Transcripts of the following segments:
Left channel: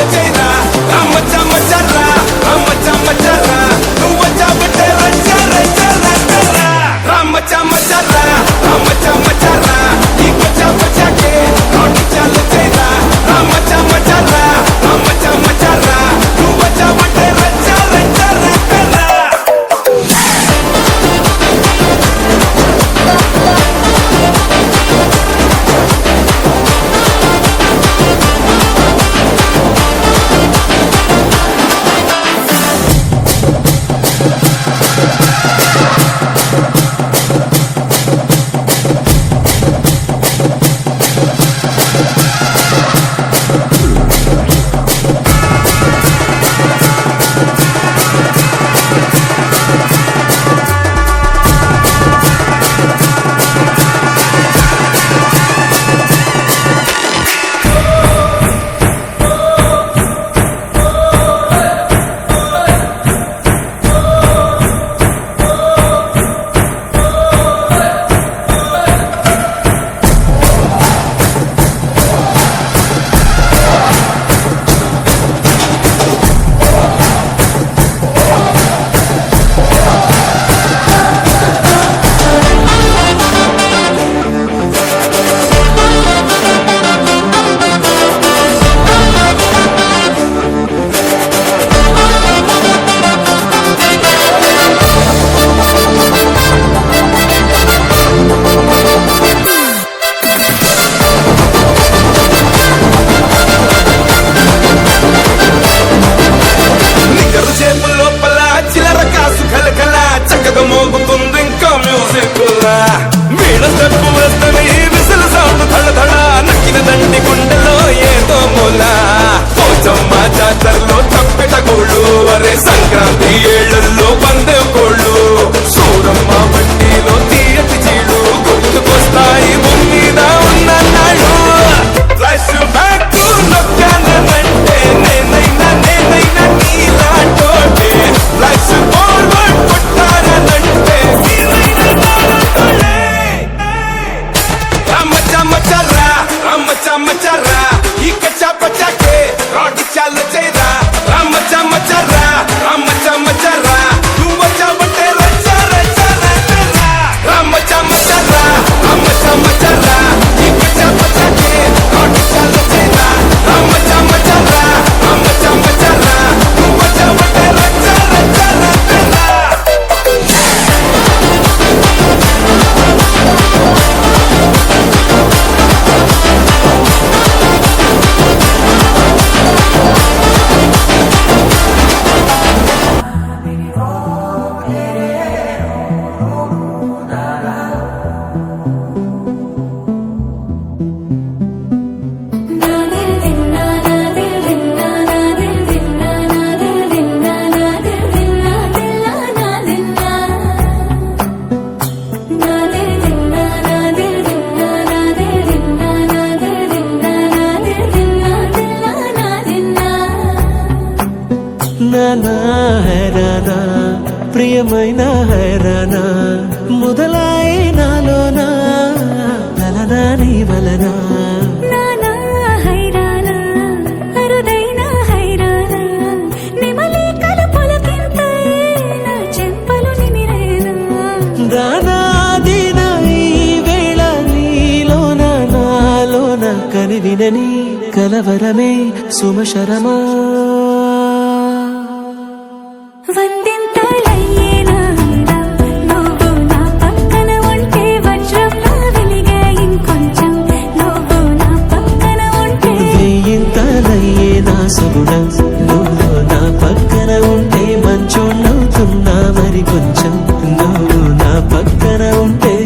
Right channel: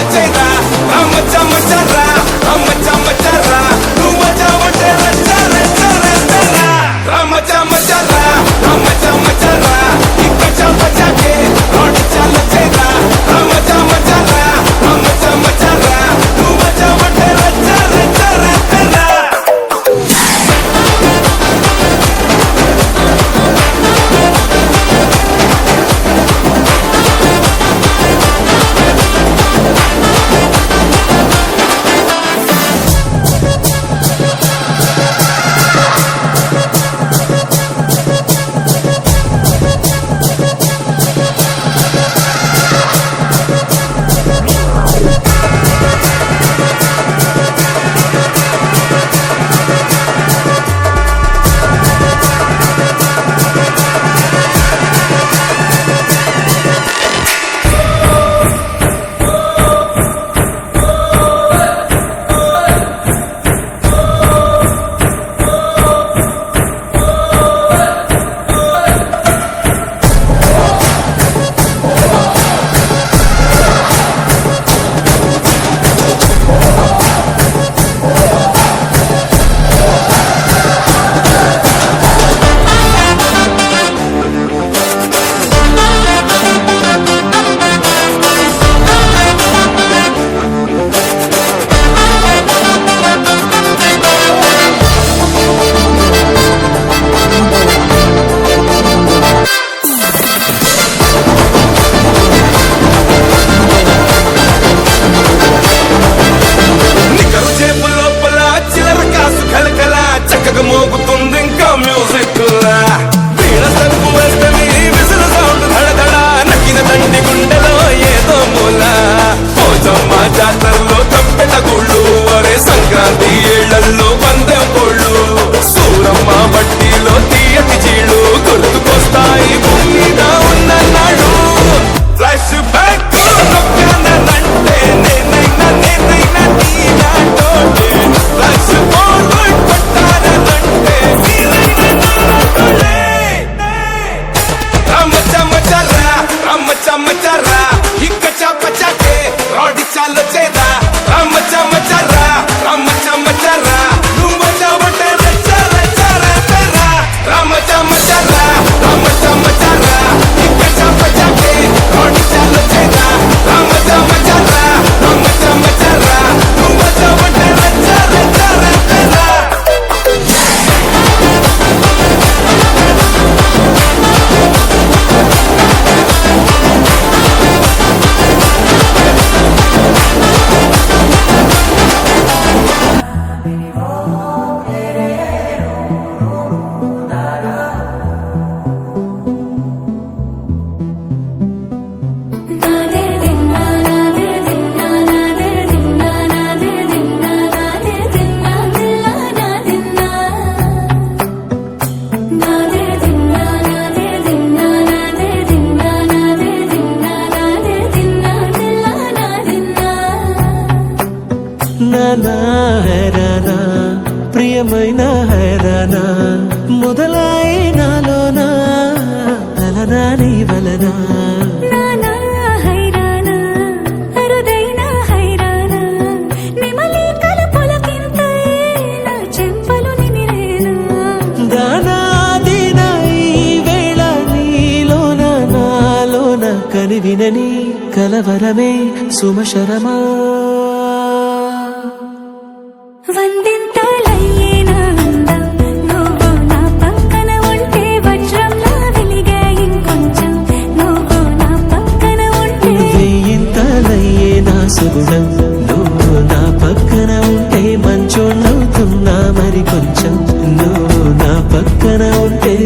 చాలు చేయరా రమ్మచ్చ మచ్చర్రా రమ్మచ్చ మచ్చర్రా నువ్వు వచ్చావంటే రచ్చ రచ్చ రచ్చర్రా రమ్మచ్చ మచ్చర్రా రమ్మచ్చ మచ్చర్రా ఇంకొచ్చ వచ్చాకే రోడ్డు చాలు చేయరా రమ్మచ్చ మచ్చర్రా రమ్మచ్చ మచ్చర్రా నువ్వు వచ్చావంటే రచ్చ రచ్చ రచ్చర్రా చక్కగా మోగుతుంది ఇంకా మ్యూజిక్ లా వీణ స్టెప్ వేస్తవి విసులు సౌండ్ ధడధడ నక్కిన దండి గుండెలో ఏదో మూల పోచమ్మ జాతరలో తప్పెట గోళ్ళు అరే సంక్రాంతి ఏళ్లలో పందే కోళ్ళు సూరమ్మ బట్టిలో తీయటి చీళ్ళు కొట్టుకొస్తాయి మీద ఉన్నన్నాడు ఫ్లాష్ బ్యాక్ నొక్కానంటే నేనైనా నీలాంటోటే ఫ్లాష్ ఫార్వర్డ్ కొట్టానంటే రమ్మచ్చ మచ్చర్రా రమ్మచ్చ మచ్చర్రా ఇక చప్పచాకే రోడ్డు చాలు చేరా రమ్మచ్చ మచ్చర్రా రమ్మచ్చ మచ్చర్రా నువ్వు వచ్చావంటే రచ్చ రచ్చ రచ్చర్రా రమ్మచ్చ మచ్చర్రా రమ్మచ్చ మచ్చర్రా ఇక చప్పచాకే రోడ్డు చాలు చేరా రమ్మచ్చ మచ్చర్రా రమ్మచ్చ మచ్చర్రా నువ్వు వచ్చావంటే రచ్చ రచ్చ రచ్చర్రా నానా హైరానా ప్రియమైన హైరానా మొదలాయి నాలోనా తలనా నీ వలనా నానా హైరానా అరుదైన హైరానా నిమలి కలుపులకింతై నా చెంపలు నిమిరేనా దానాదిన ఈ వేళ నీలోన నాలోన కనివినని కలవరమే సుమశరమా వందింతలయ్యేనా అందం నువ్వు నా పక్కన ఉంటే వజ్రంలా వెలిగే ఇంకొంచెం నువ్వు నా పక్కన ఉంటే వేయింతలయ్యే నా సుగుణం నువ్వు నా పక్కన ఉంటే మంచోళ్ళవుతున్నా మరి కొంచెం నువ్వు నా పక్కన ఉంటే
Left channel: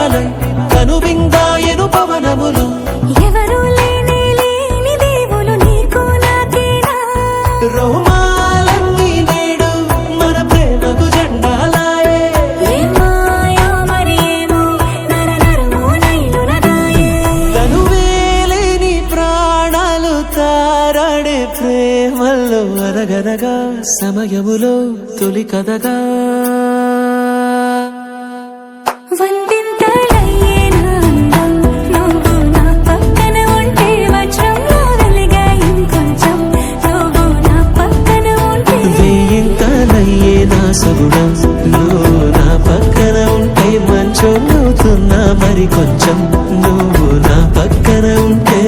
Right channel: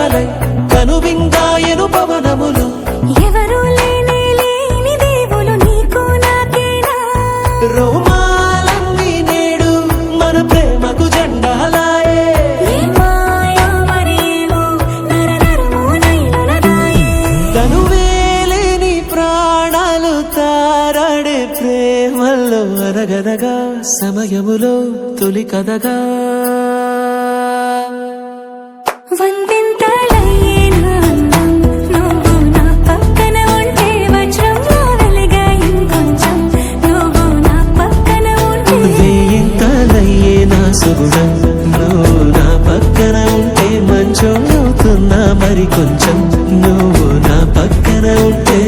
ప్రేమలై కనువిందాయను పవనములు ఎవరు లేని దేవులు నీకు నాకేనా రోమాలన్నీ నేడు మన ప్రేమకు జెండాలాయే ఏ మాయో మరి ఏమో నరనరమో నైలునదాయే తనువేలేని ప్రాణాలు తారాడే ప్రేమల్లో అనగనగా సమయములో తొలి కథగా వందింతలయ్యే నా అందం నువ్వు నా పక్కన ఉంటే వజ్రంలా వెలిగే ఇంకొంచెం నువ్వు నా పక్కన ఉంటే వేయింతలయ్యే నా సుగుణం నువ్వు నా పక్కన ఉంటే మంచోళ్ళవుతున్నా మరి కొంచెం నువ్వు నా పక్కన ఉంటే